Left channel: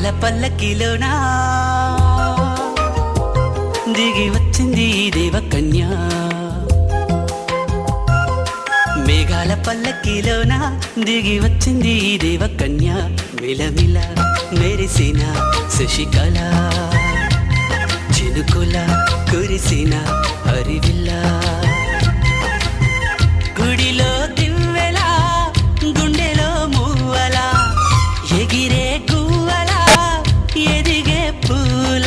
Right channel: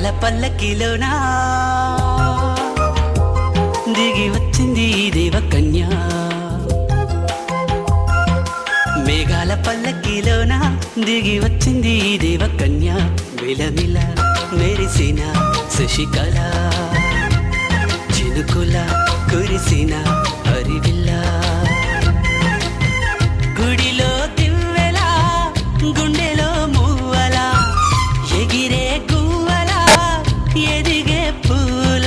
మేఘాల పల్లకిలోనా దిగి వచ్చింది దేవకన్య. మేఘాల పల్లకిలోన దిగి వచ్చింది దేవకన్య. మిలమిల మెరిసిన శశికళ, చినుకుల కురిసిన హరివిల్ల. గుడిలో దివ్వెల, గుండెలో మూవల, ఎగిరే గువ్వల, ఎదిగే పూల.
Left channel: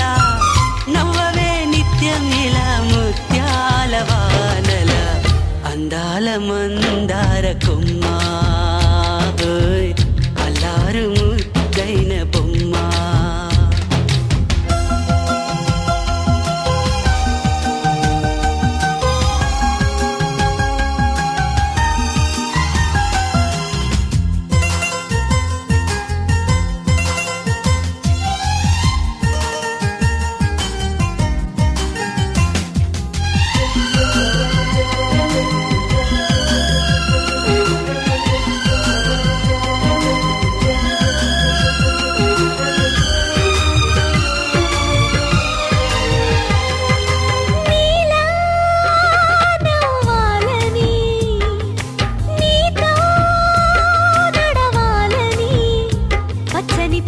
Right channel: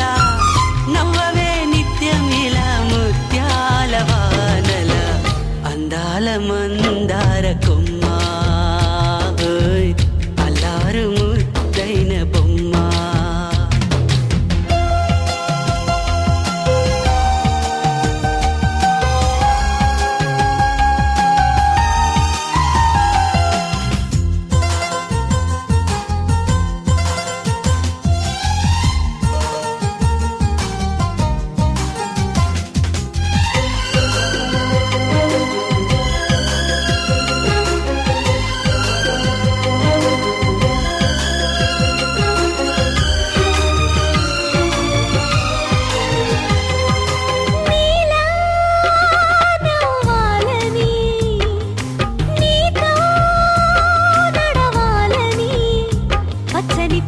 నవ్వవే నిత్యం ఇలా ముత్యాల వానల, అందాల మందార కొమ్మ, అల్లారు ముద్దైన బొమ్మ.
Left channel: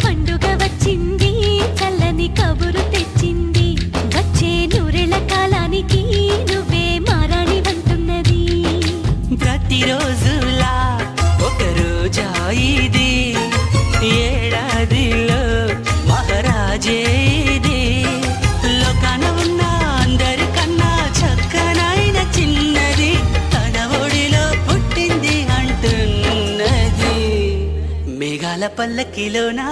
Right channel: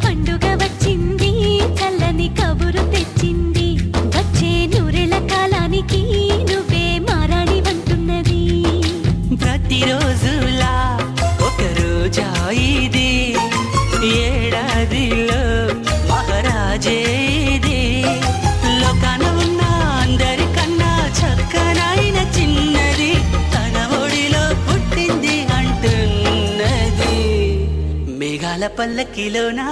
పండుగ వచ్చింది, చల్లని కబురు తెచ్చింది. వచ్చే నూరెల కాలానికి నువ్వే మారాణి వంటున్నది. ప్రతిరోజులా ఒక రోజా ఇది, ఏడాదిలో మహారాజే ఇది. లోకాన ఉన్న అందరికన్నా చక్కనైన చిన్నది, తన ఒడిలో పుట్టింది అంటున్నది. మేఘాల పల్లకిలోనా,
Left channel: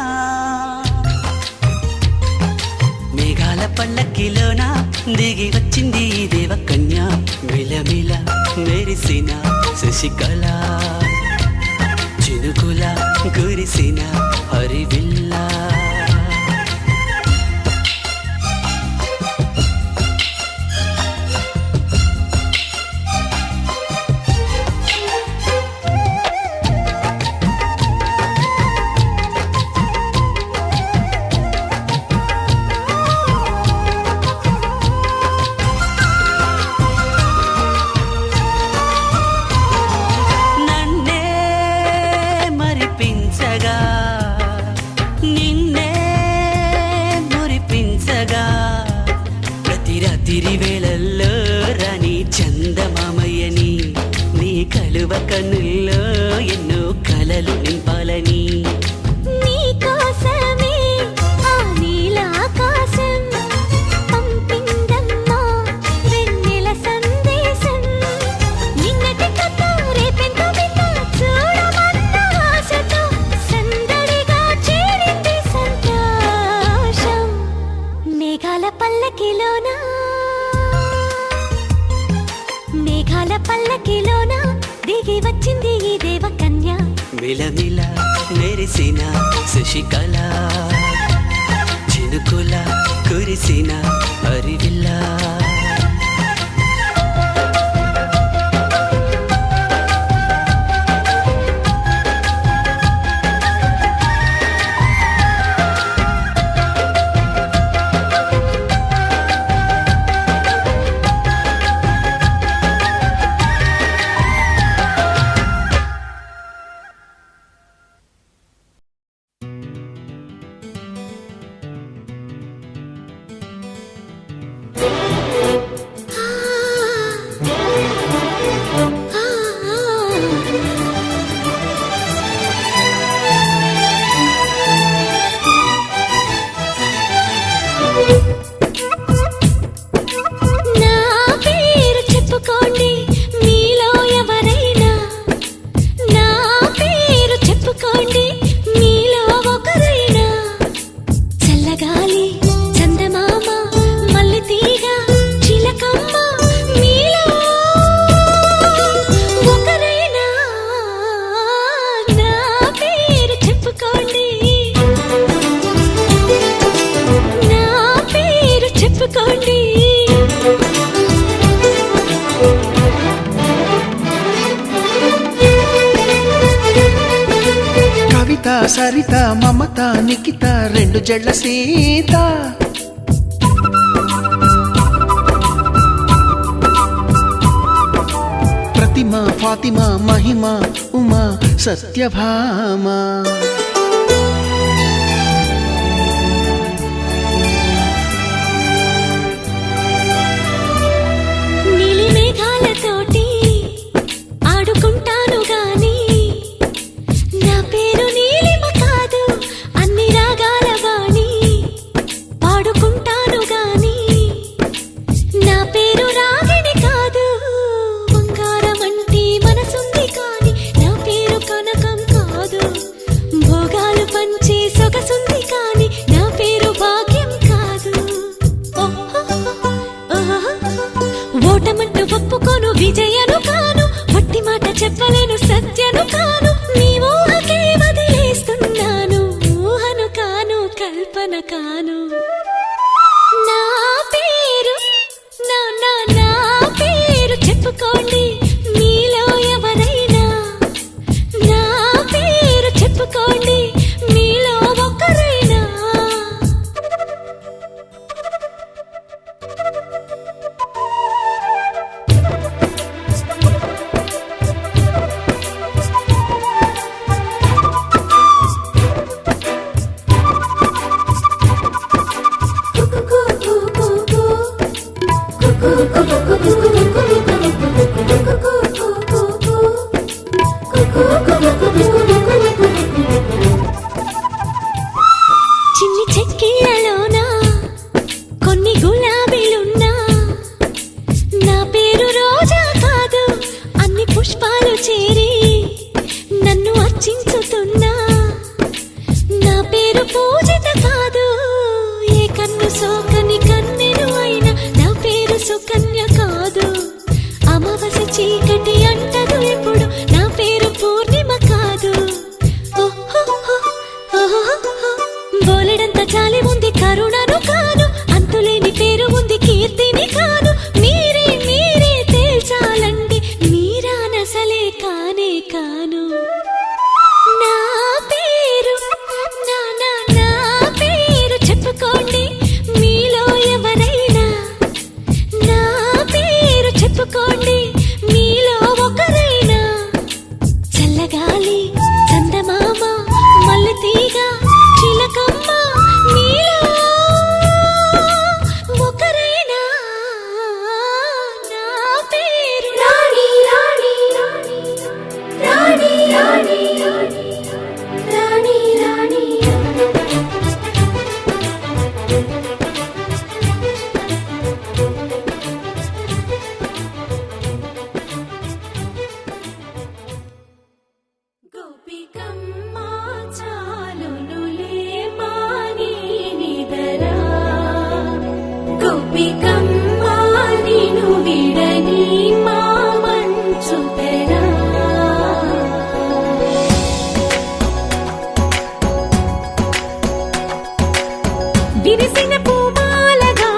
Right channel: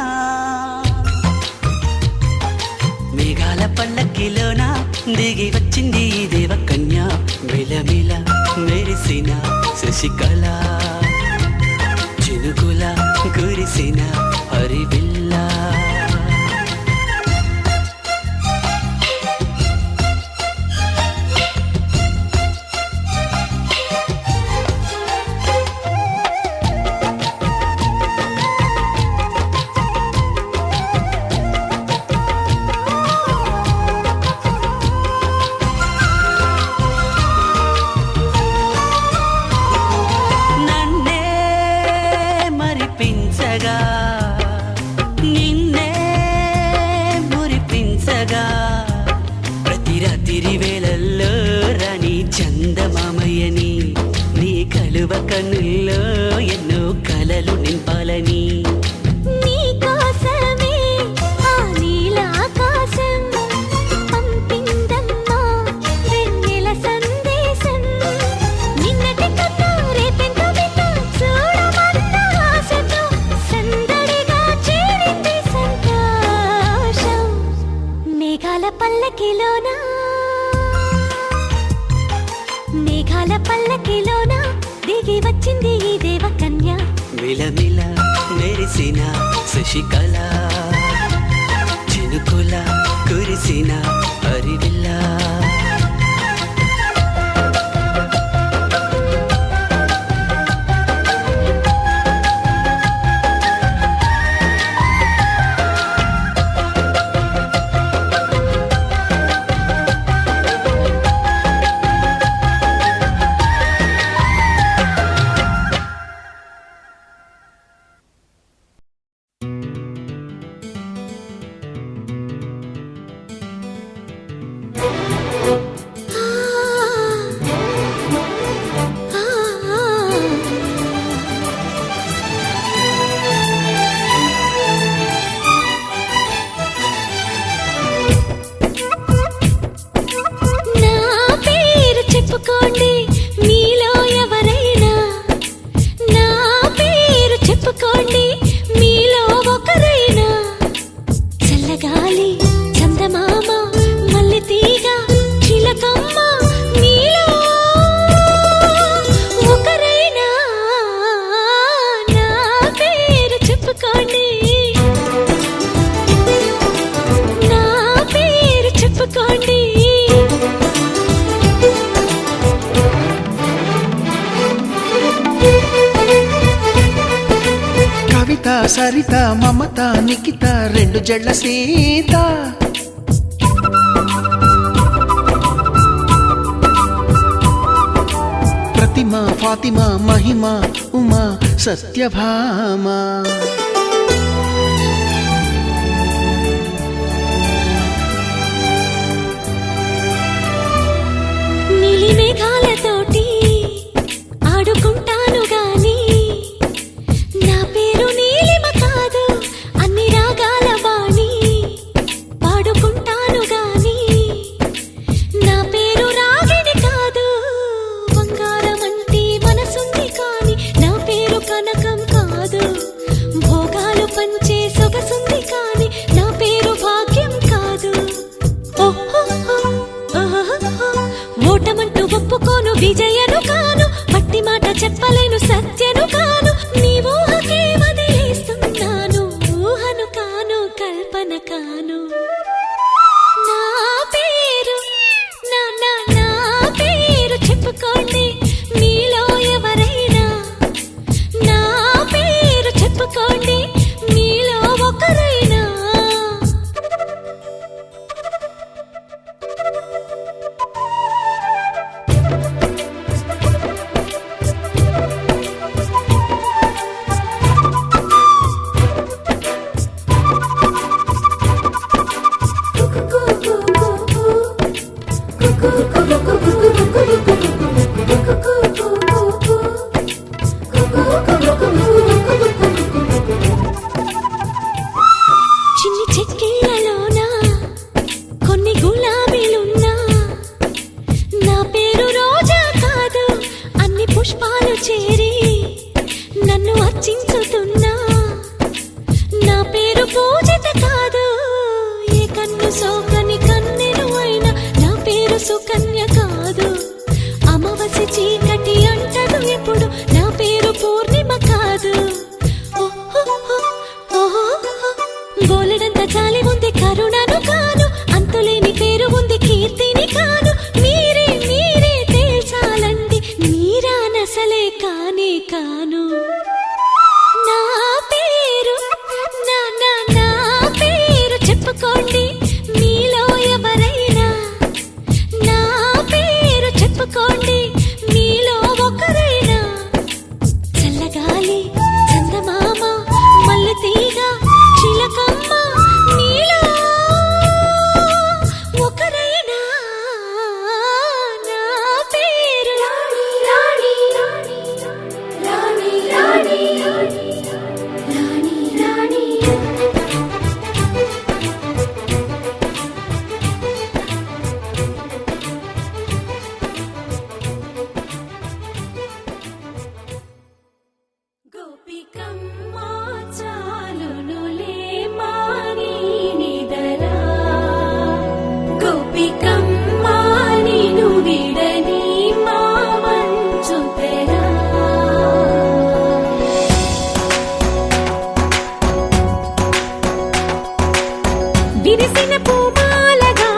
మేఘాల పల్లకిలోనా దిగి వచ్చింది దేవకన్య. మిలమిల మెరిసిన శశికళ, చినుకుల కురిసిన హరివిల్ల. నిన్నే మురిపించగా, ప్రతి రాత్రి వేళల్లో రాణి చందమామయ్యని, నీ కలువ కన్నుల్లో ఎన్నో కలలు నింపాలని. నీ కోసమే ఆ నీలాకాశం పంపిందమ్మా వెన్నెల సందేశం. నిన్నటి కథ రేపెంతో వింత చూడమన్న ఆశతో సందడిగా చేరింది సంతోషం. మేఘాల పల్లకిలోనా, మేఘాల పల్లకిలోనా దిగి వచ్చింది ఈ దేవకన్య. మిలమిల మెరిసిన శశికళ, చినుకుల కురిసిన హరివిల్ల. కవిత సరిత మమత నిఖిత రెండు జడ్ల సీత ప్రతిమ ఫాతిమా మహిమ ఉమా సత్యభామ నీలి మేఘాలతోటి ఆడుకుంటాను గాని నా పేరు నీలిమ కాదు అన్ని రాగాల వాణి పాడుకుంటాను గాని నా పేరు రాగిణి కాదు బంగారమంటి మనసుంది కాని నా పేరు కనకం కాదు భోగాలు పంచే సొగసుంది కాని నా పేరు భాగ్యం కాదు ఓటమంటూ ఒప్పుకోను విజయను కాను మట్టి మాట చెప్పలేను సత్యను కాను నీ ఊహకే వదిలేస్తున్నాను ఊహను కాను కల్పన కాను నా పేరు నా పేరు చెప్పుకోండి మీలో ఎవరైనా నా పేరు చెప్పుకోండి మీలో ఒకరైనా చిన్ని చెక్కిళ్ళలోన కొన్ని గులాబీలున్నా నా పేరు రోజా కాదు అన్ని పుష్పాలు చేరి నన్ను అర్చించుతున్నా నా పేరు పూజిత కాదు ఏ కన్ను సోకని కన్నెను అయినా నా పేరు సుకన్య కాదు అమావాస్య చీకటి అంటను ఎప్పుడు నా పేరు పూర్ణిమ కాదు బోలెడంత జాలి ఉంది కరుణను కాదు అంతులేని పేరు ఉంది కీర్తిని కాదు మీరే తేల్చాలండి మీరా నసలే కానే కాను నా పేరు నా పేరు చెప్పుకోండి మీలో ఎవరైనా నా పేరు చెప్పుకోండి మీలో ఒకరైనా చల్లగాలి చందమామ మల్లె తీగ చిలకమ్మ మీలో ఒకరైనా నా పేరు రాణి రాణి రాణి రాణి రాణి రాణి గోపికమ్మ చాలునులే మాని నిదరా గోపికమ్మ నిను విడని మా మంచు తెరా విరిసిన పూమాలగా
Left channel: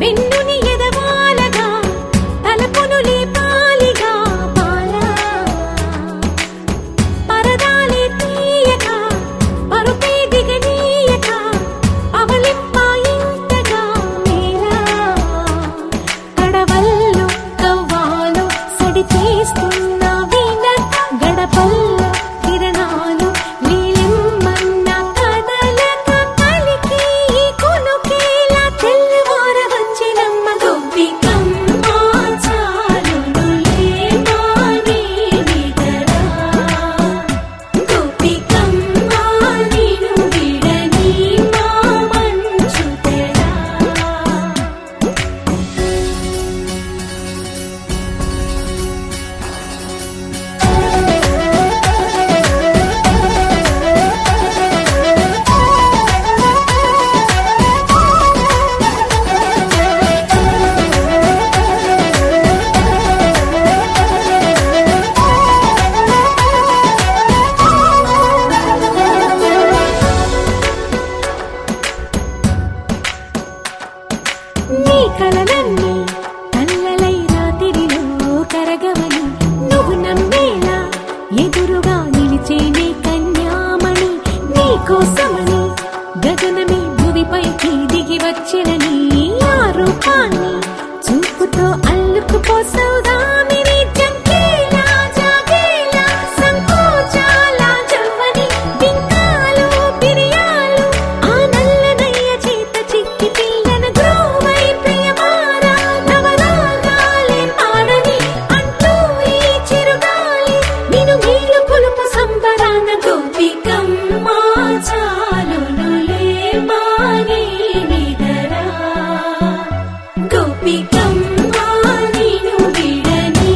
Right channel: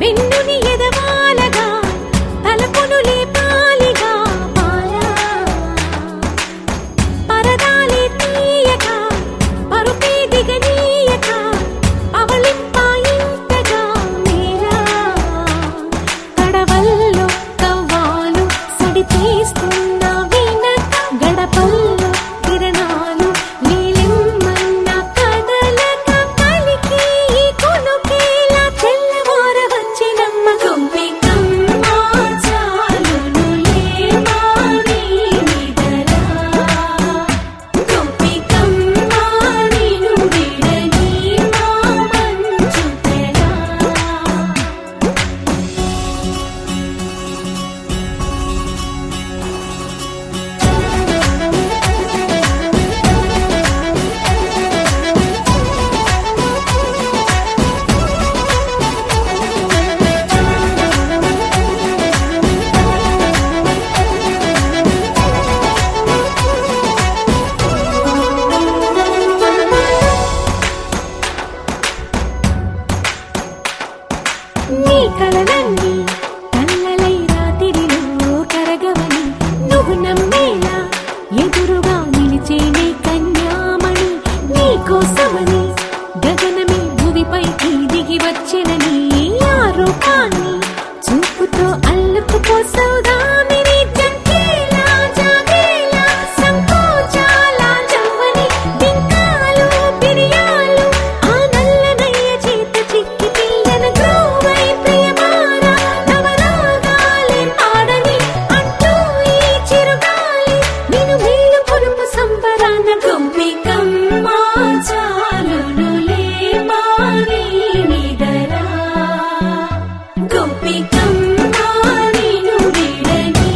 వెన్నుని ఎదవాలగా తలపును లేపాలిగా పాలా పరదాలే తీయక పరుపే దిగనీయక అవలింపాయింతగా మేరా తడవల్లో కవ్వాలు సడి చేస్తున్న వీణత గడపల్లో కిరణాలు నీలిమ్మన్న కదలక కలికి ఈ కొనుకేలా తెల్లవార వచ్చినమ్మ గోపికమ్మ చాలునులే మాని నిదరా గోపికమ్మ నిను విడని మా మంచు తెరా నీ కలలన్నీ కల్లలై రాత్రిలో కరగవని నువ్వు నమ్మేలా ఎదురుగా నిలిచేనే కన్యామణి కోసమని గగనమే భూమిపైకి దిగి వచ్చెనని ఆ రూపాన్ని చూపుతో అల్లుకుపోసౌదామిని జంకేలా జాగేలా సంకోచాల జవ్వని బింకాలు బిరియాలు ఆ నల్లనయ్య చేత చిక్కి పిల్లన గ్రోవై ప్రియమారా నవరాగాలే పాడని అంటూ ఈ చిరుగాలి నిను మేలు పులుపు సంబరాన గోపికమ్మ చాలునులే మాని నిదరా గోపికమ్మ నిను విడని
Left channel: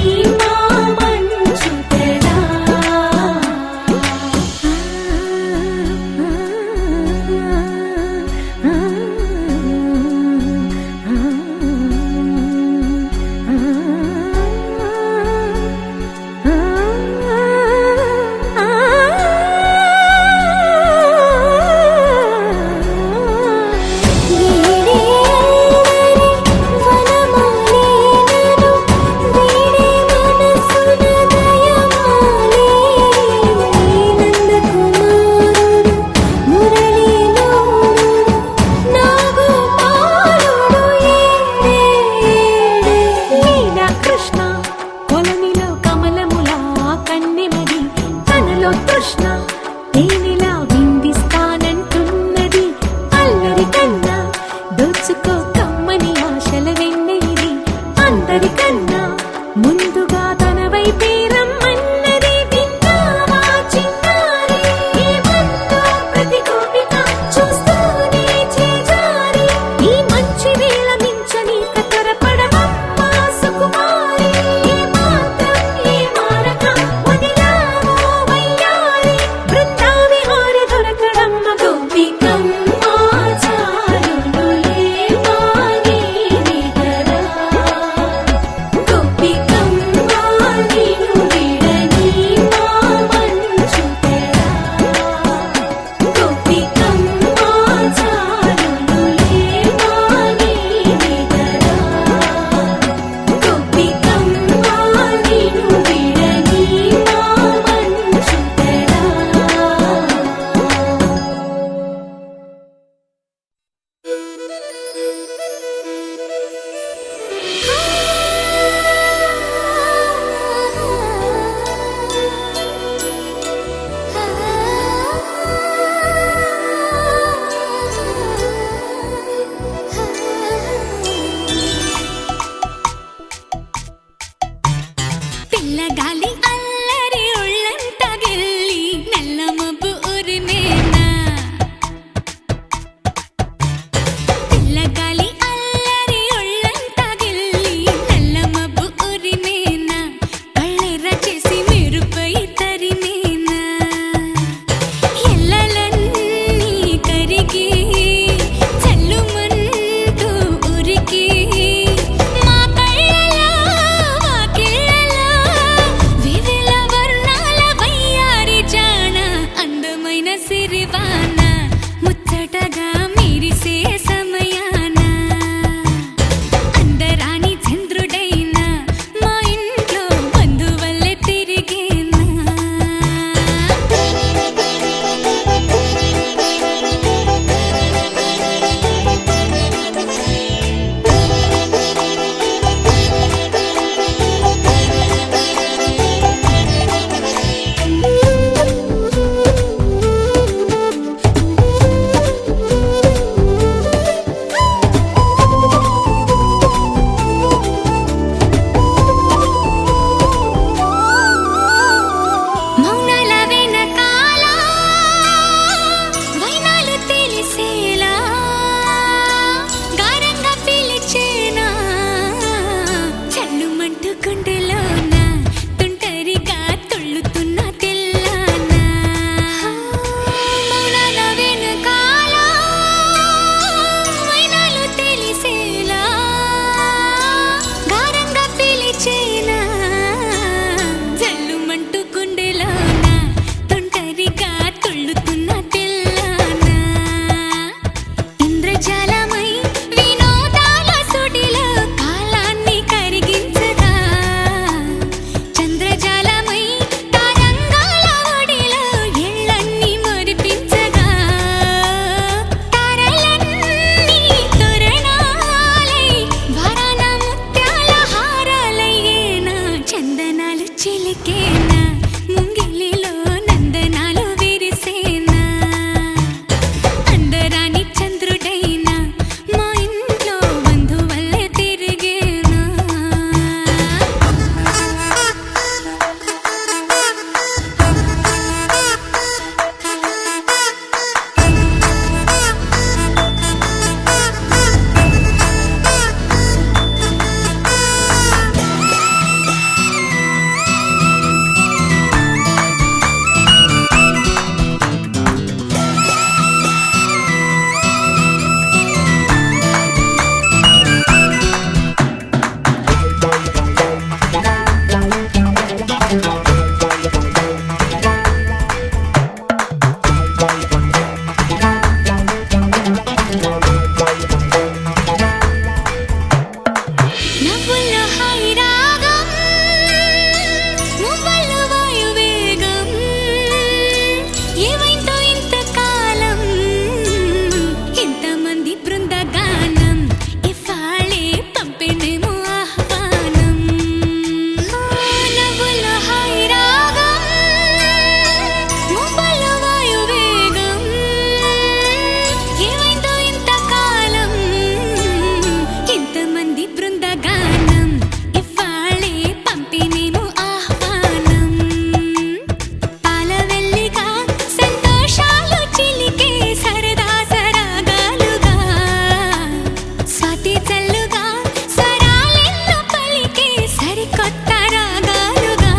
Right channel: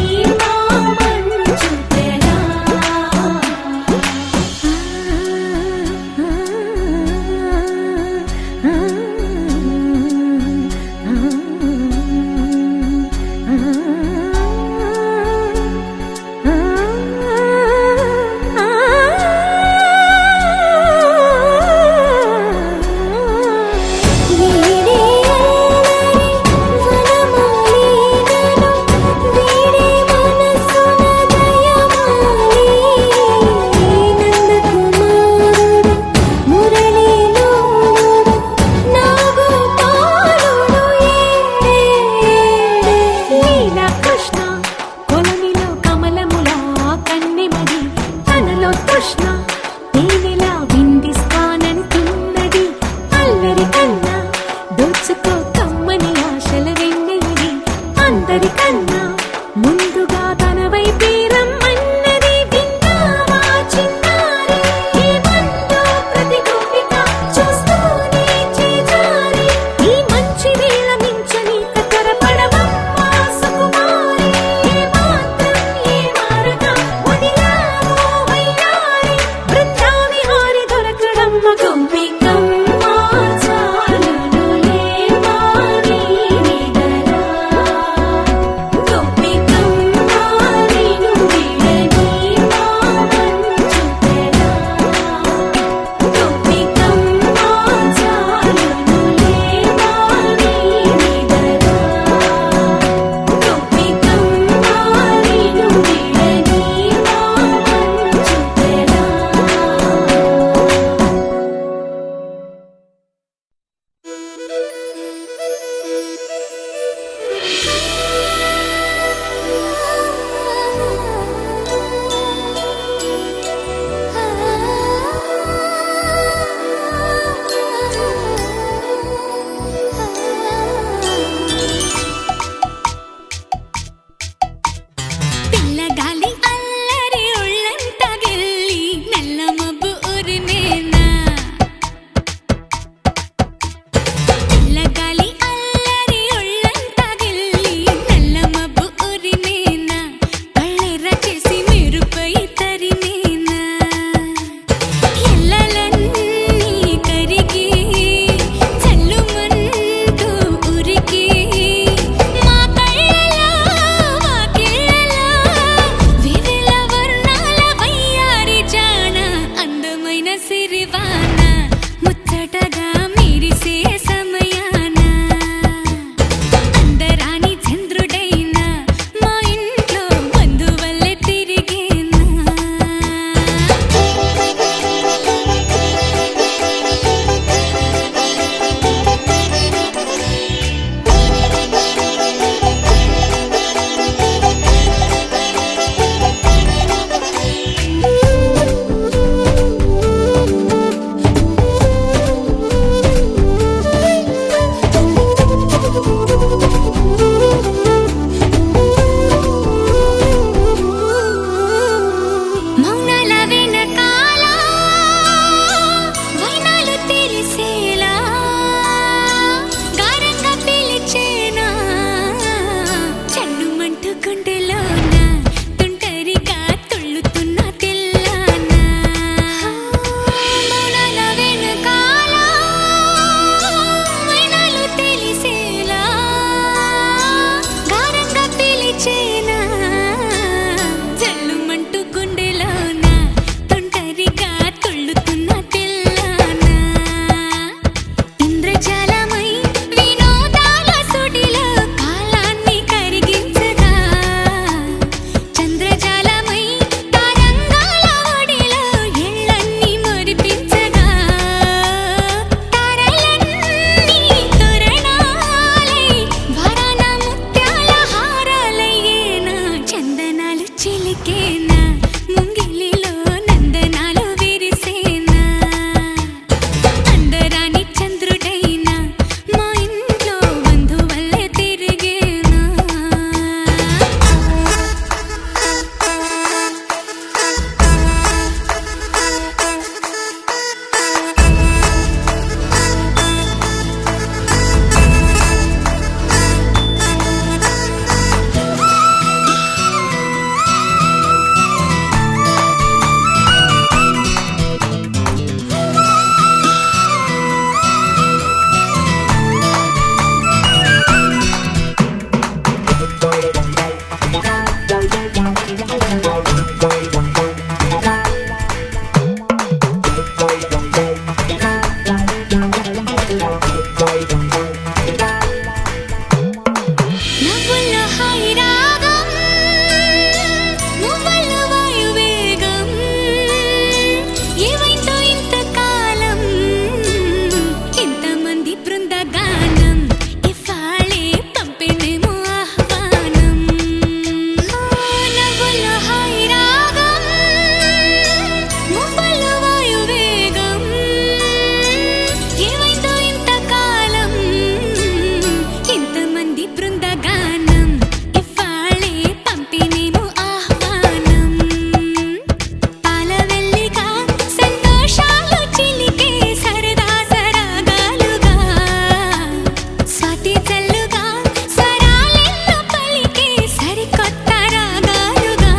పలికేనా ముంగిలిలో నందనాలు విరిసేనా అందరాని చంద్రుడైనా మా ఇంట్లో బంధువల్లే తిరిగేనా నవ్వుల్లో హాయి రాగం మువ్వల్లో వాయువేగం ఏమైందో ఇంతకాలం ఇంతమంది బృందగానం ఇవాళే పంపిణేమో ఆహ్వానం నవ్వుల్లో హాయి రాగం మువ్వల్లో వాయువేగం ఏమైందో ఇంతకాలం ఇంతమంది బృందగానం ఇవాళే పంపిణేమో ఆహ్వానం పాలవెల్లిగా సంతోషాలు చిలికే సరదా సరాగాలుగా స్వాతి చల్లుగా స్వరాలెన్నో పలికే సరికొత్త రాగాలుగా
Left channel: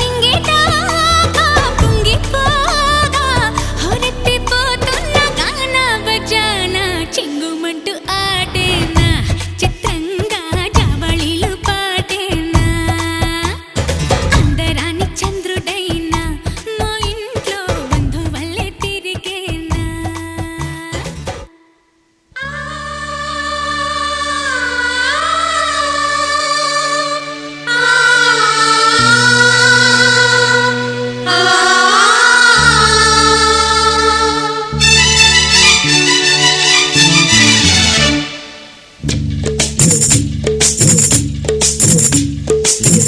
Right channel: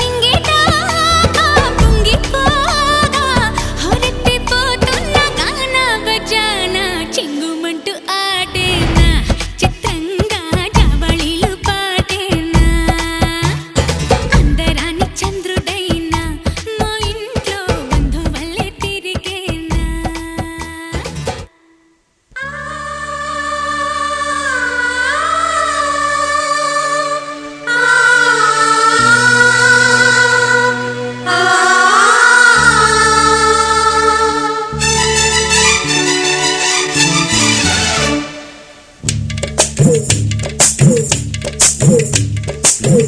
నింగిటాగా పొంగిపోగా హొరెత్తిపోతున్న గాన బజాన చింగుమంటూ ఆడేనా చిత్రంగా జావళిలు పాడేనా అందరాని చంద్రుడైనా మా ఇంట్లో బంధువల్లే తిరిగేనా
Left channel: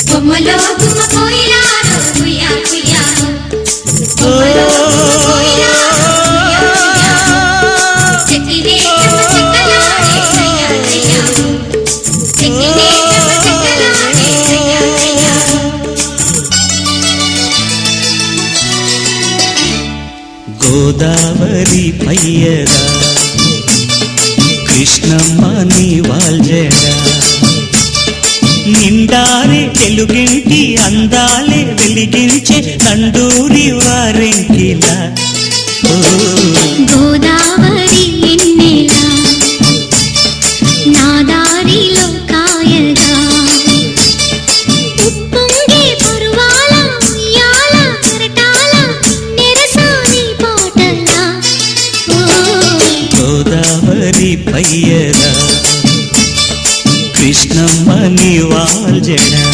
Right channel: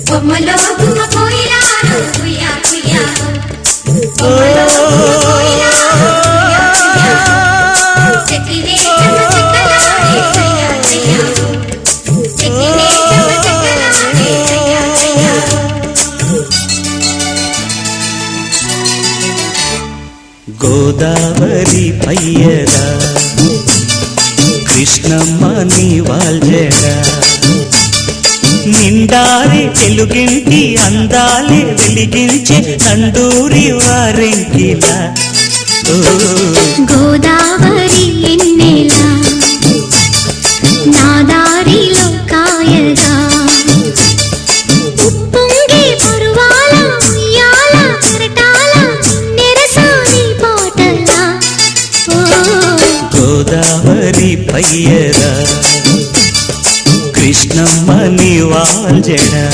బొమ్మలో గుమ్మ కోయిలాలో కుయ్యా కుయ్యాలో బొమ్మలో గుమ్మ కోయిలాలో కుయ్యా కుయ్యాలో చెక్కినే చెమ్మ చెక్కలాడే కయ్యా కయ్యాలో చెక్కినే చెమ్మ చెక్కలాడే కయ్యా కయ్యాలో గోదావరి పయ్యగా కృష్ణమ్మ నీ వాల్జగా నిండారి తెలుగింటి అందాలే వెలిగించే నందూరి వారింటిలా గోదావరి ఎన్నెలా నా దారిలో కాయగా ఉప్పొంగే పరువాల ఉయ్యాల కెరటాల నెరసాని పాటలా గోదావరి పయ్యగా కృష్ణమ్మ నీ వాల్జడా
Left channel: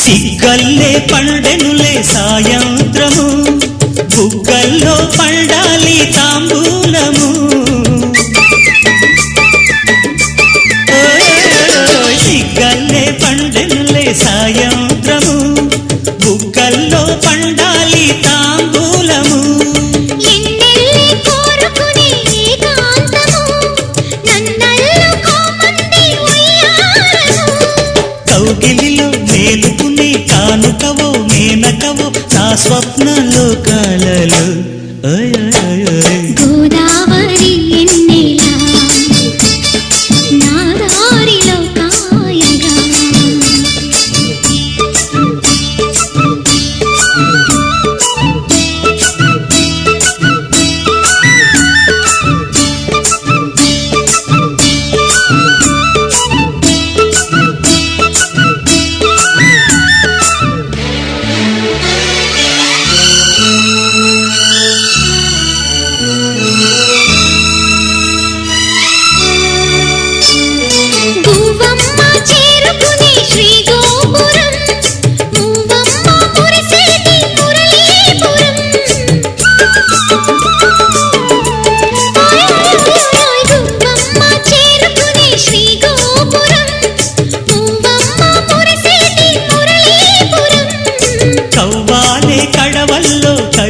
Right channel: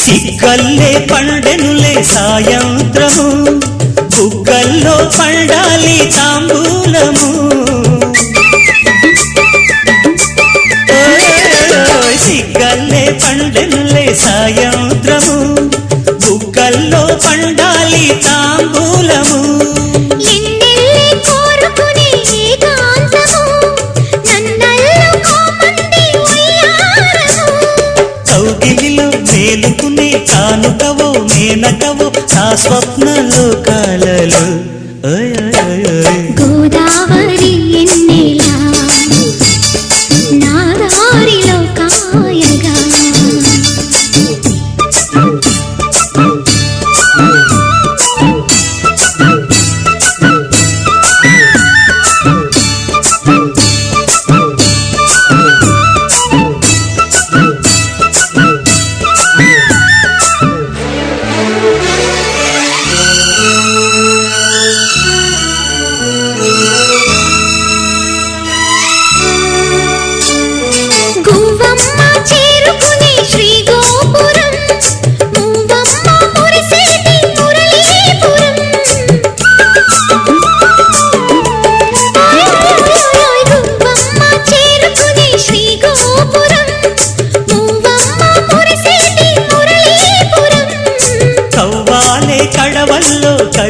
సిగ్గల్లే పండెనులే సాయంత్రము బుగ్గల్లో పండాలి తాంబూలము సిగ్గల్లే పండెనులే సాయంత్రము బుగ్గల్లో పండాలి తాంబూలము ఎన్నెల్లి కోరుకునే ఏకాంతము నన్నల్లు కోమంది ఉయ్యారము కౌగిలిలో మేలుకునే కానుకవో మేనకవో నా స్వప్న లోకాలలో గోదావరి ఎన్నెలా నా దారిలో కాయగా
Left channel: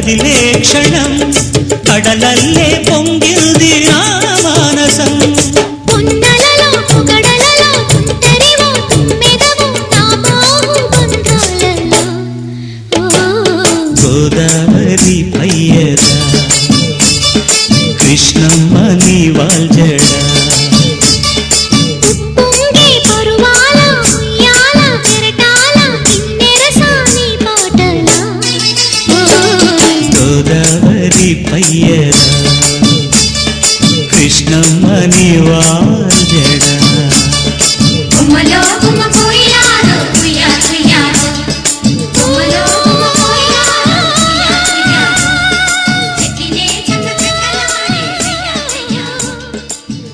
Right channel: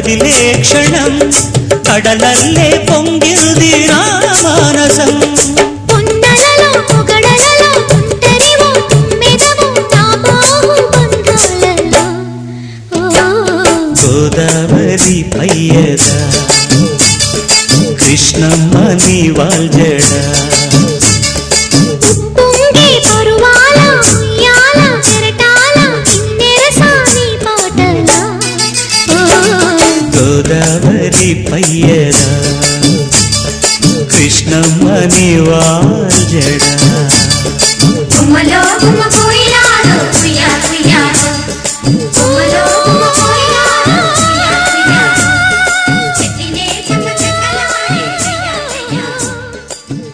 కదిలే క్షణం కడలల్లే పొంగింది నా మానసం పొన్నలలో పొగడలలో తుంటరివో తుమ్మెదవో నా బాహుబంధాలలో గోదావరి పయ్యదా కృష్ణమ్మ నీ వాల్జడా ఉప్పొంగే పరువాల ఉయ్యాల చెరటాల కిన్నెరసాని పాటల గోదావరి పయ్యదా కృష్ణమ్మ నీ వాల్జడా గుమ్మలో గుమ్మ కోయిలాలో కుయ్యా కుయ్యాలో గుమ్మలో గుమ్మ కోయిలాలో కుయ్యా కుయ్యాలో చెక్కిలే చెమ్మ చెక్కలాడే కుయ్యా కుయ్యాలో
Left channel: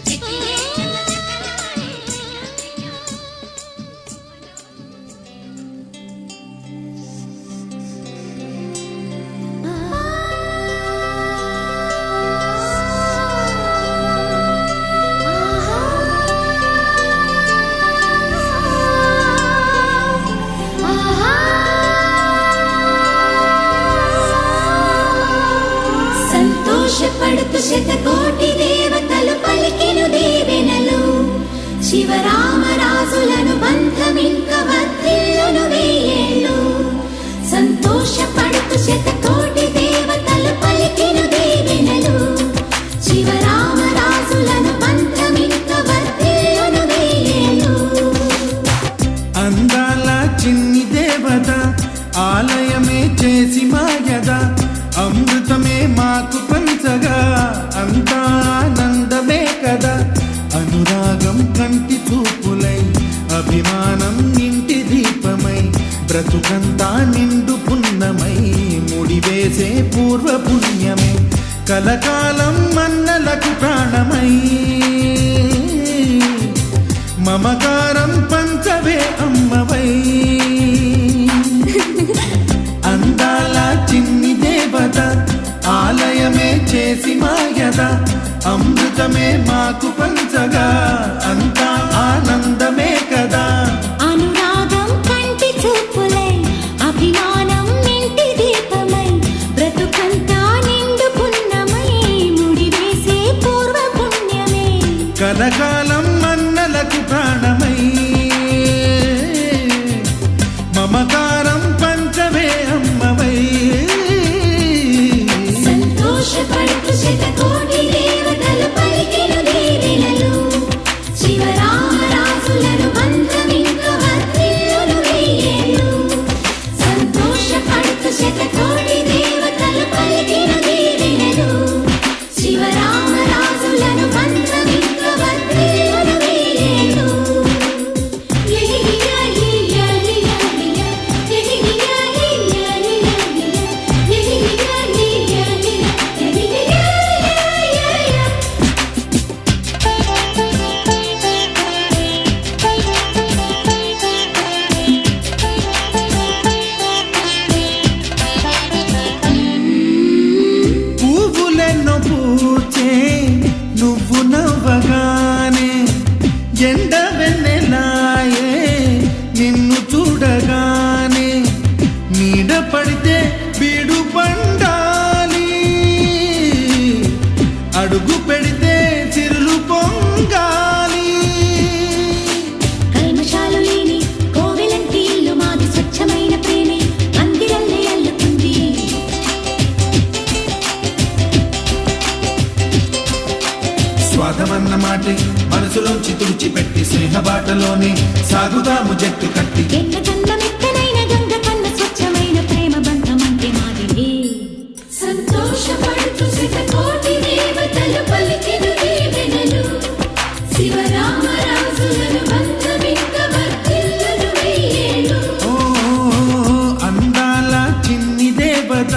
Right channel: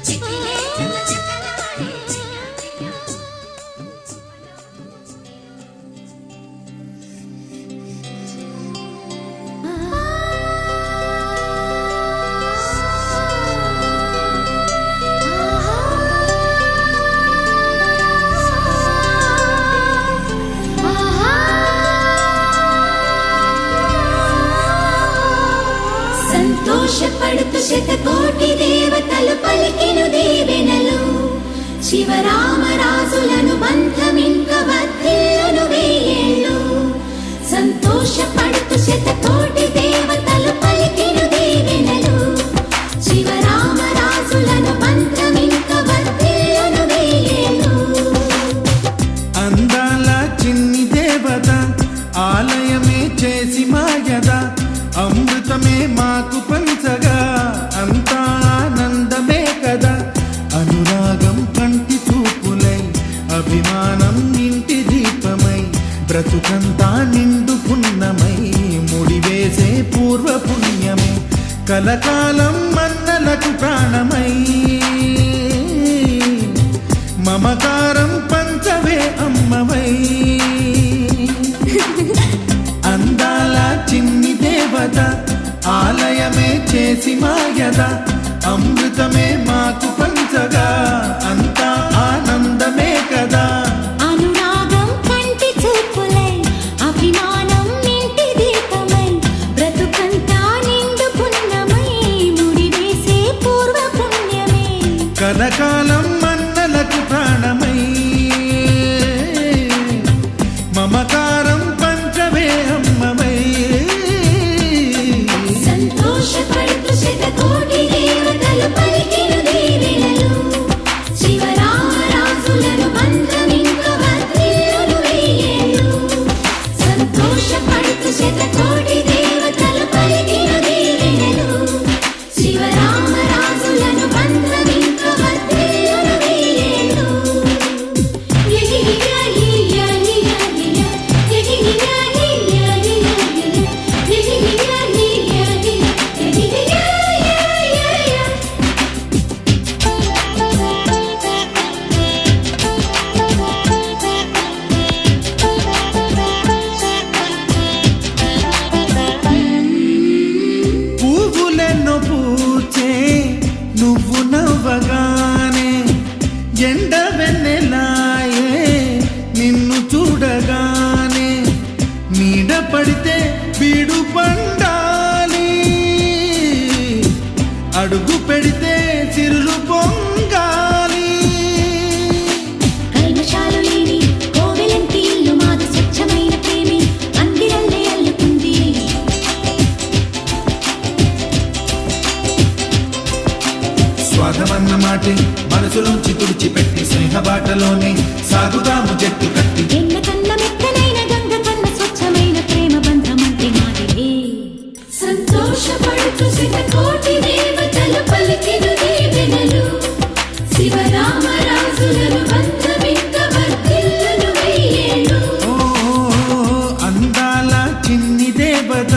చెక్కిలే చెమ్మ చెక్కలాడే కుయ్యా సంతోషపడుతూ శతకోటి దేవతలు పలికిను దీవెనలు శివరామరాజులను బంధమింక వర్ధిల్లును వెయ్యేళ్ళు సంతోషపడుతూ శతకోటి దేవతలు పలికిను దీవెనలు శివరామరాజులను బంధమింక వర్ధిల్లును వెయ్యేళ్ళు అందాల చిన్ని దేవత ఆలయమే చేసి మాయద అమృతమే మాకు పంచగా అంతా ఆనందమే కదా అనురాగం కంటి చూపులై అభిమానం ఇంటి దీపమై బ్రతుకంతా నిండు పున్నమై ముడివేసే పూర్వ పుణ్యమే కలకాలం మన్నలకు ప్రాణమై మమకారం పంచవే అమ్మవై అందాల చిన్ని దేవత ఆలయమే చేసి మాయద అమృతమే మాకు పంచగా అంతా ఆనందమే కదా అనురాగం కంటి చూపులై అభిమానం ఇంటి దీపమై బ్రతుకంతా నిండు పున్నమై ముడివేసే పూర్వ పుణ్యమే కలకాలం మన్నలకు ప్రాణమై మమకారం పంచవే అమ్మవై సంతోషపడుతూ శతకోటి దేవతలు పలికిను దీవెనలు శివరామరాజులను బంధమింక వర్ధిల్లును వెయ్యేళ్ళు సంతోషపడుతూ శతకోటి దేవతలు పలికిను దీవెనలు శివరామరాజులను బంధమింక వర్ధిల్లును వెయ్యేళ్ళు పువ్వులెన్నో పూచే నువ్వు నవ్వగానే ఎండ వెన్నెలాయే నిన్ను చూడగానే నీడ పడితే బీడు పండాలి అడుగు పెడితే సిరులు పొంగాలి కల్మషాలు లేని కోవెలంటి ఇల్లు మాది స్వచ్ఛమైన ప్రేమి అందిరల్లే అల్లుకుంది స్వాగమన్న మాటే మనసులోంచి తుడిచిపెట్టి స్నేహబాటలోనే సాగుదాము జట్టు కట్టి ఎన్న కన్న మెత్తనైన గంగ కన్న స్వచ్ఛమైన ప్రేమ బంధమంటే మాదిలే సంతోషపడుతూ శతకోటి దేవతలు పలికిను దీవెనలు శివరామరాజులను బంధమింక వర్ధిల్లును వెయ్యేళ్ళు ఓ అందాల చిన్ని దేవత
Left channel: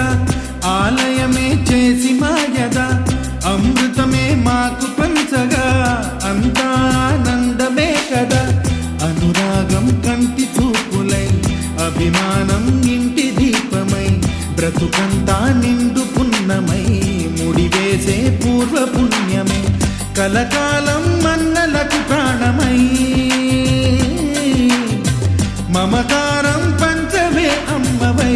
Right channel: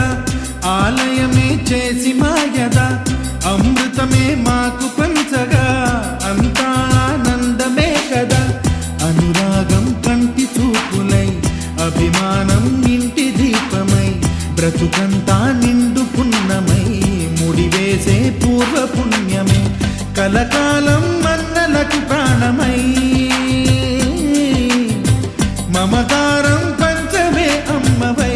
ఆలయమే చేసి మాయద అమృతమే మాకు పంచగా అంతా ఆనందమే కదా అనురాగం కంటి చూపులై అభిమానం ఇంటి దీపమై బ్రతుకంతా నిండు పున్నమై ముడివేసే పూర్వ పుణ్యమే కలకాలం మన్నలకు ప్రాణమై మమకారం పంచమే అమ్మవై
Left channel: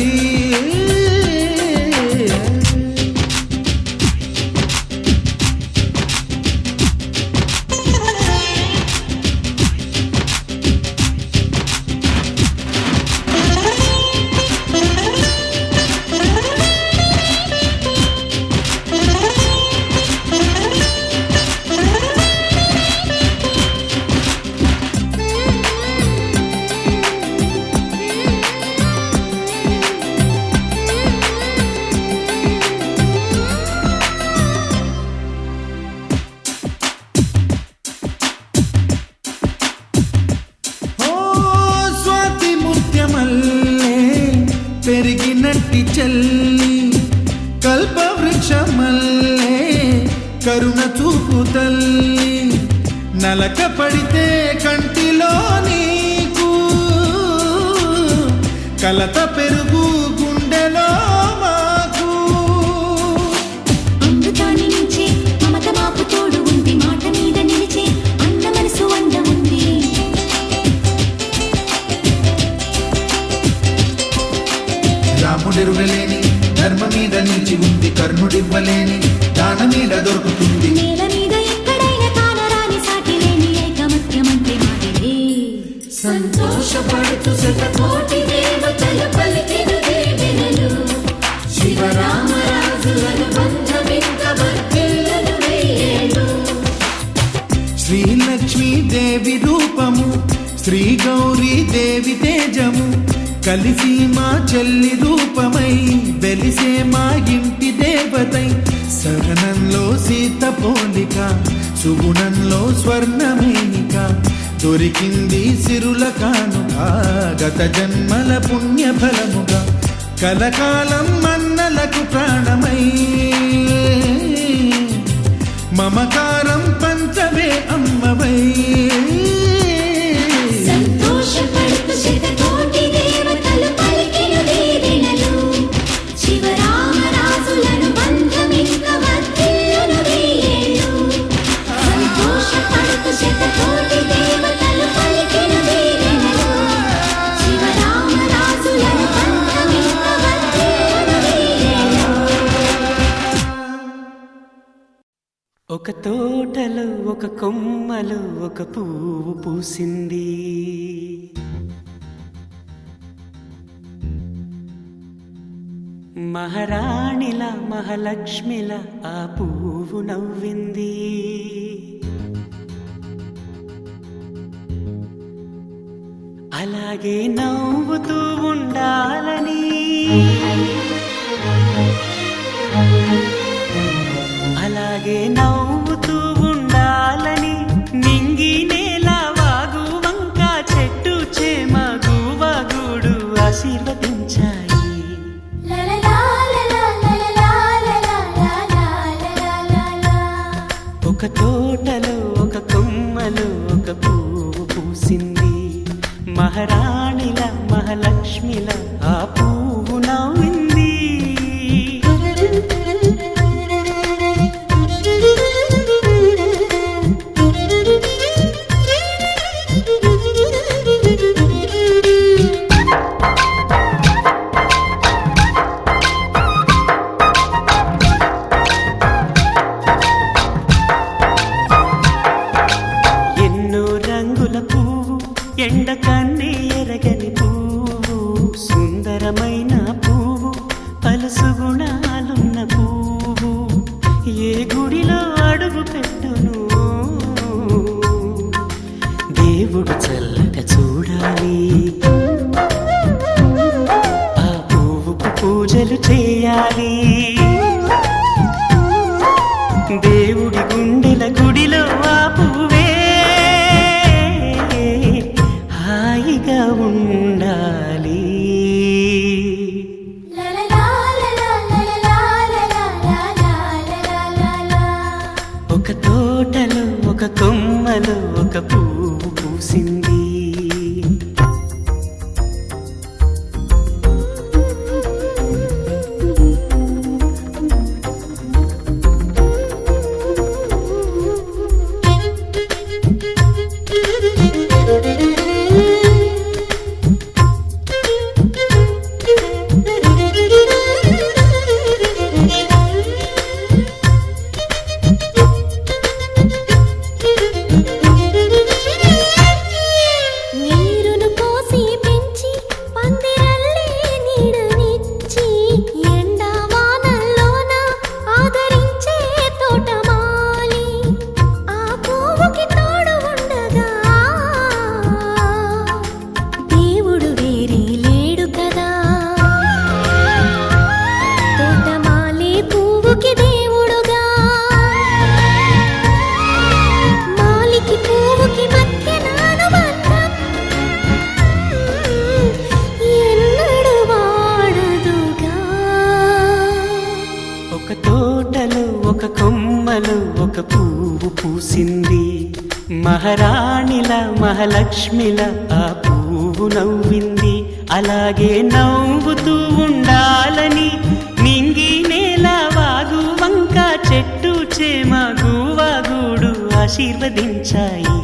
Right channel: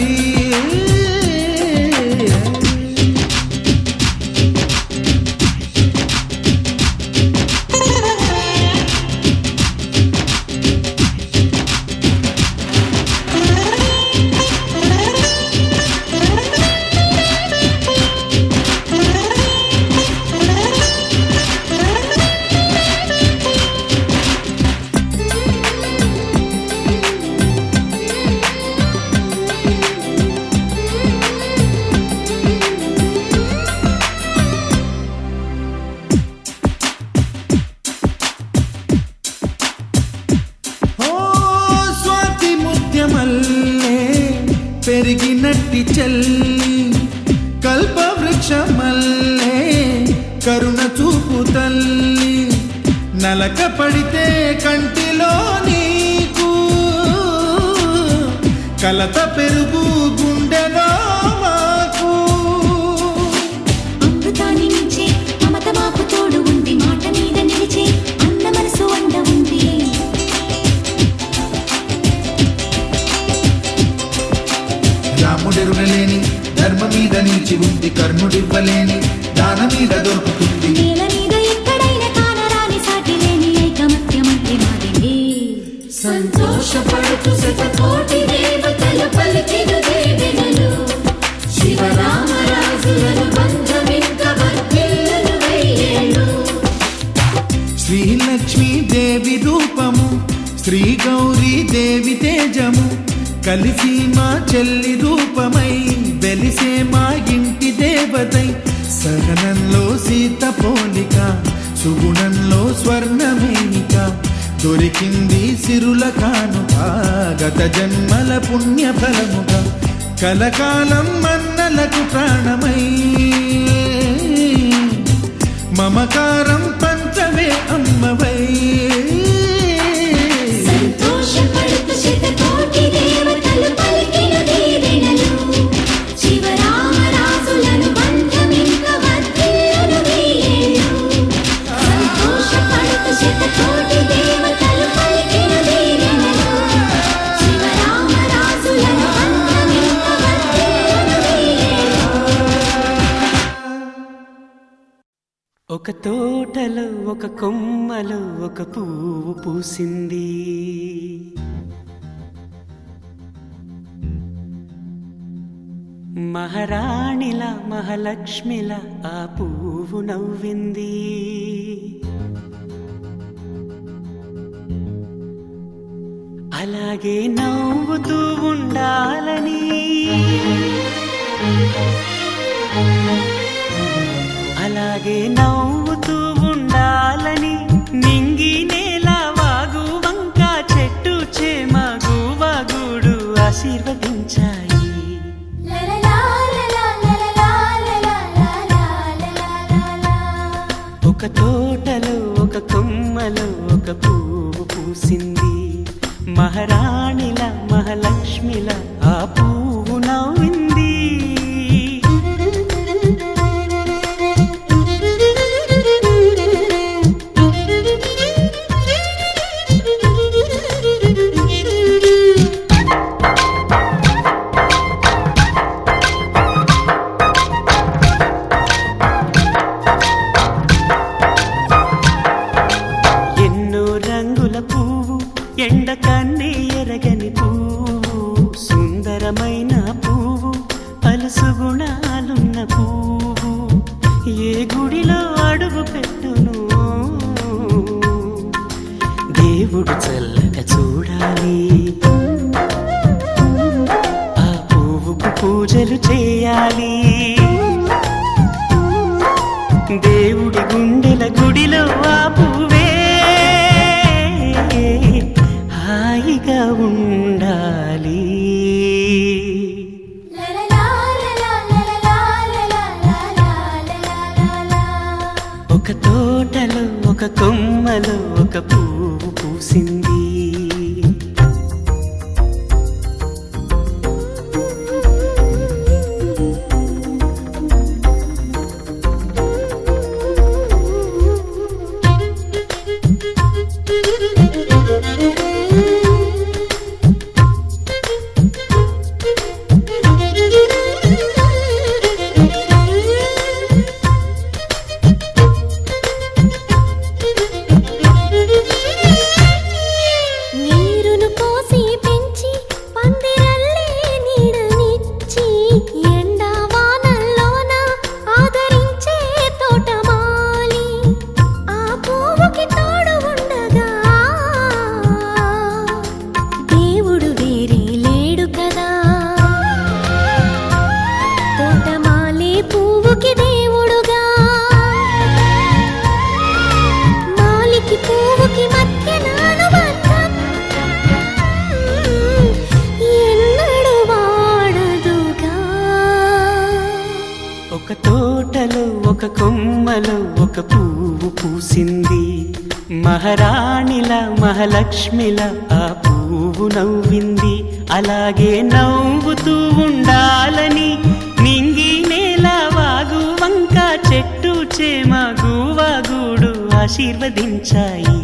పెరిగినట్టి చెల్లి కల్పవృక్షమల్లే కరుణ చూపు తల్లి నలక పడితే కంటిలో నీకు కలత పెరుగు గుండెలో మాకు అమృతాన్ని నించే మమత మాకు తోడు ఉంది మాట మీద నిలిచే అన్న మనసు అండ ఉంది రాముడెరుగలేని ధర్మ మీద నిలిచి ఉంది కర్ణుడివ్వలేని దాన మీద దొరుకుతుంది నేల మీద ఎక్కడైనా కానరాని సాటి లేని ఐకమత్యమంటే మాదిలే సంతోషపడుతూ శతకోటి దేవతలు పలికెను దీవెనలు శివరామరాజులను బంధమింక వర్ధిల్లును వెయ్యేళ్ళు శ్రీలక్ష్మీ దేవి రూపము శ్రీ గౌరీ దేవి తేజము కలిసి మా చెల్లి రూపమై వెలిసే మా ఇంటి దేవతై సహనంలో సీత పోలిక సుగుణంలో స్వర్ణమేనిక దొరికింది సిరుల కానుక గత జన్మల పుణ్య ఫలముగా కలకాలం మన్నలకు ప్రాణమై మమకారం పంచవే అమ్మవై సంతోషపడుతూ శతకోటి దేవతలు పలికెను దీవెనలు శివరామరాజులను బంధమింక వర్ధిల్లును వెయ్యేళ్ళు సంతోషపడుతూ శతకోటి దేవతలు పలికెను దీవెనలు శివరామరాజులను బంధమింక వర్ధిల్లును వెయ్యేళ్ళు ఒక తోటలో ఒక కొమ్మలో ఒక పువ్వు పూసింది మహారాణిలా మహాలక్ష్మిలా ఆ పువ్వు నవ్వింది అలాగే నవ్వుతూ ఉండాలని అలాగే నవ్వుతూ ఉండాలని నింగి నేల వాగు వంక చెట్టు చేమ గువగూడు ఆశీర్వదించాయి ఒక తోటలో ఒక కొమ్మలో ఒక పువ్వు పూసింది మహారాణిల మహాలక్ష్మిల ఆ పువ్వు నవ్వింది రంగుల పువ్వు ఎండ కన్నే ఎరగని పువ్వు సుందరమైన పువ్వు పలుసు గుణాలున్న పువ్వు ఏ గుడిలో అడుగు పెట్టును దేవుడు చల్లగా చూడాలి ఆ పువ్వుకు పూజలు చేయాలి దేవుడి గుండెల గుడిలో ఆ పువ్వే హాయిగా ఉండాలి ఒక తోటలో ఒక కొమ్మలో ఒక పువ్వు పూసింది ఒక కొమ్మలో ఒక పువ్వు పూసింది. మహారాణిలా మహాలక్ష్మిలా ఆ పువ్వు నవ్వింది. అలాగే నవ్వుతూ ఉండాలని నింగి నేల వాగు వంక చెట్టు చేమ గువాగూడు ఆశీర్వదించాయి.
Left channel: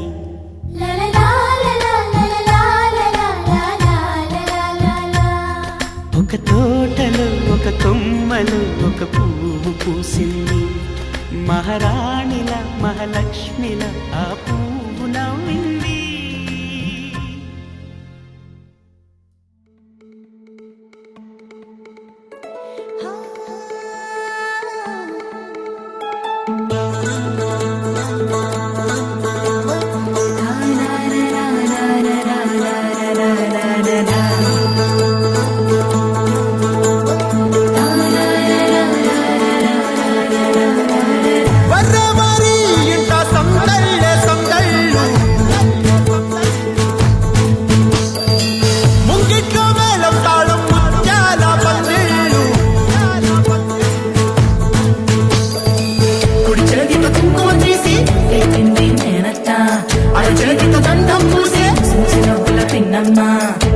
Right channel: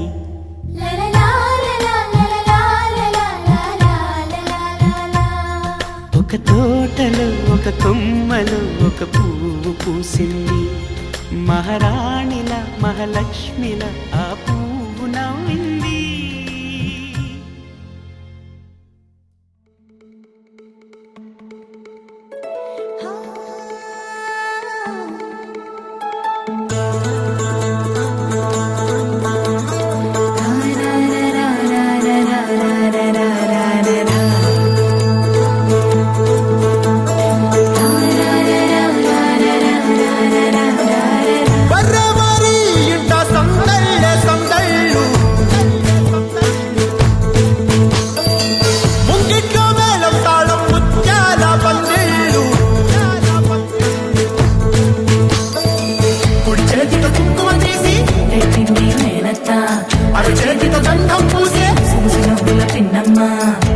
ఒక తోటలో ఒక కొమ్మలో ఒక పువ్వు పూసింది. మహారాణిల మహాలక్ష్మిల ఆ పువ్వు నవ్వింది.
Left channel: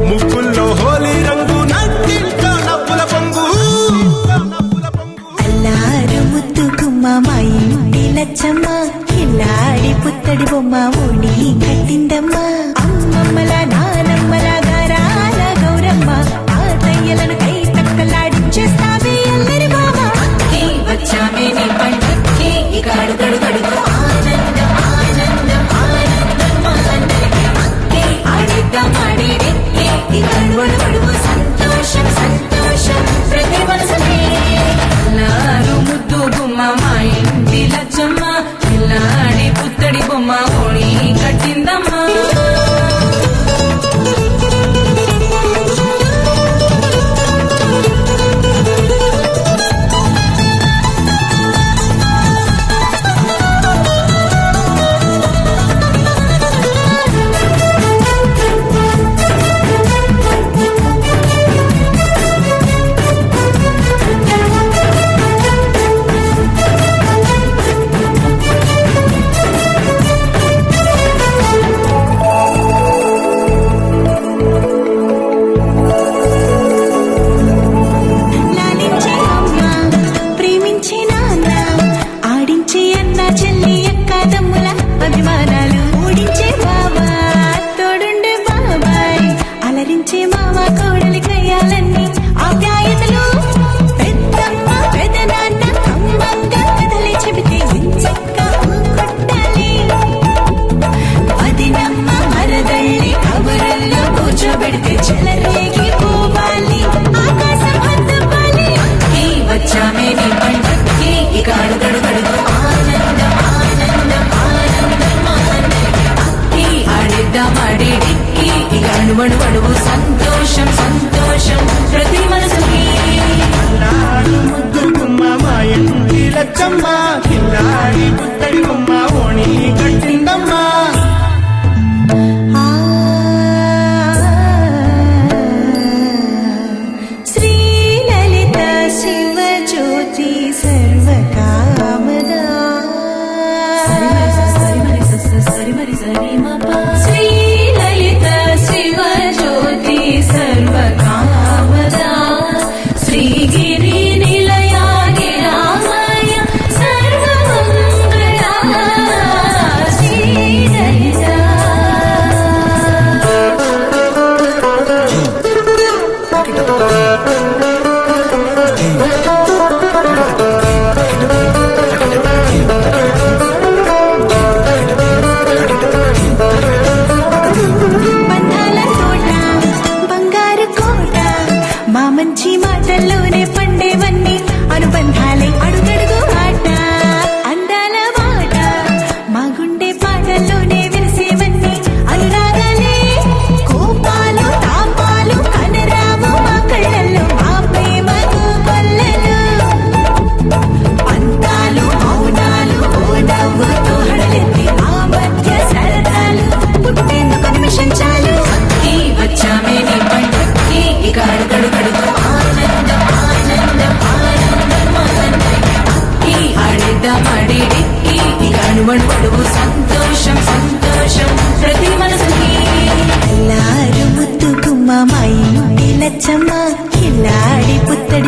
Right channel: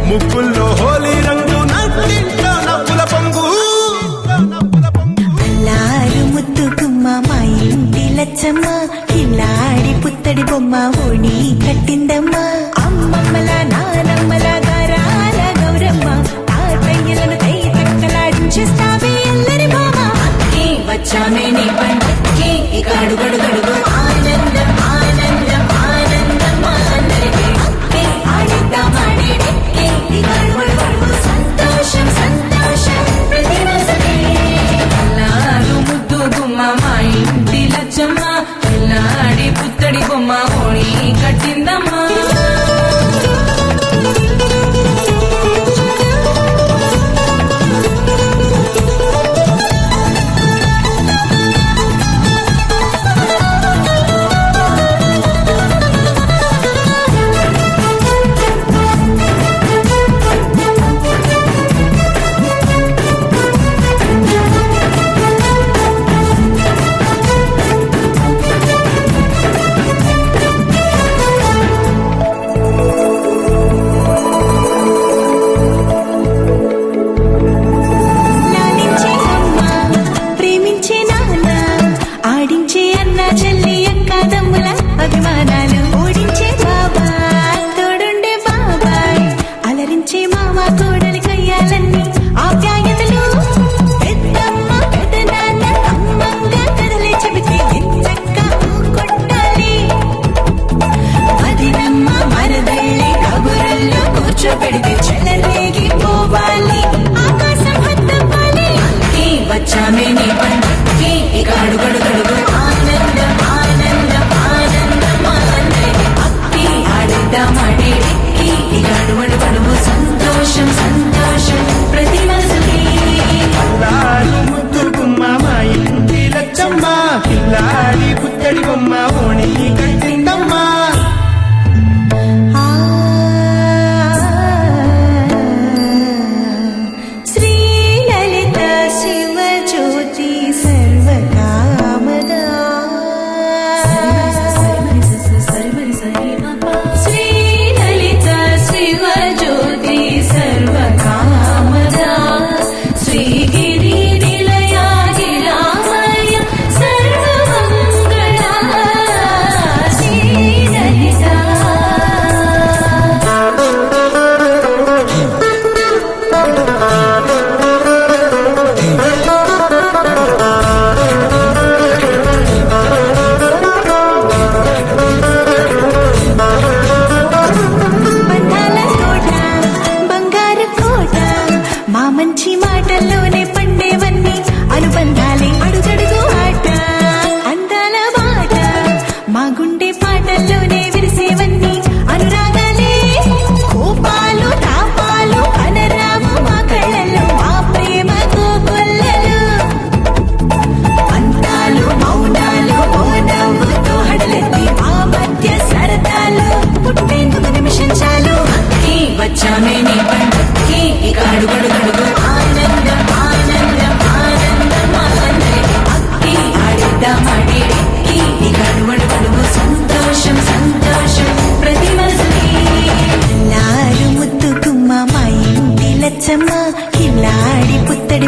ముక్కుల్లో హోలీ రంగు నట్టింట్లో నవ్వుల పొంగు. ముద్దు గుమ్మ మా ఇంటి లచ్చమ్మ ఇల్లాడి పుత్తడి బొమ్మ ఓణి కట్టిందమ్మ. అమ్మమ్మల నానమ్మల గారాల గౌరమ్మ తాతయ్యలను కై తక్కలాడించేస్తావే అల్లరి బావ. వచ్చామే నీ పండికి ఇక అడుగడు గడుగు ఆనందం ఆనందం ఆనందం అందరికీ ఆడిద్దాం ఆడిడే ఇక అడుగడు సంతోషం సంతోషం ప్రతి మనసుకి. అల్లారు ముద్దు గుమ్మ మా ఇంటి లచ్చమ్మ పిల్లాడి పుత్తడి బొమ్మ ఓణి కట్టిందమ్మా. సంతోషం సంతోషం ప్రతి మనసుకి. ముద్దు గుమ్మ మా ఇంటి లచ్చమ్మ పిల్లాడి పుత్తడి బొమ్మ ఓణి కట్టిందమ్మా. శ్రీలలిత శివజ్యోతి సర్వకామదా. శ్రీలలిత శివజ్యోతి సర్వకామదా. శ్రీగిరి నిలయాగి రామయ్య సర్వమంగళ లచ్చమ్మ కిల్లాడి పుత్తడి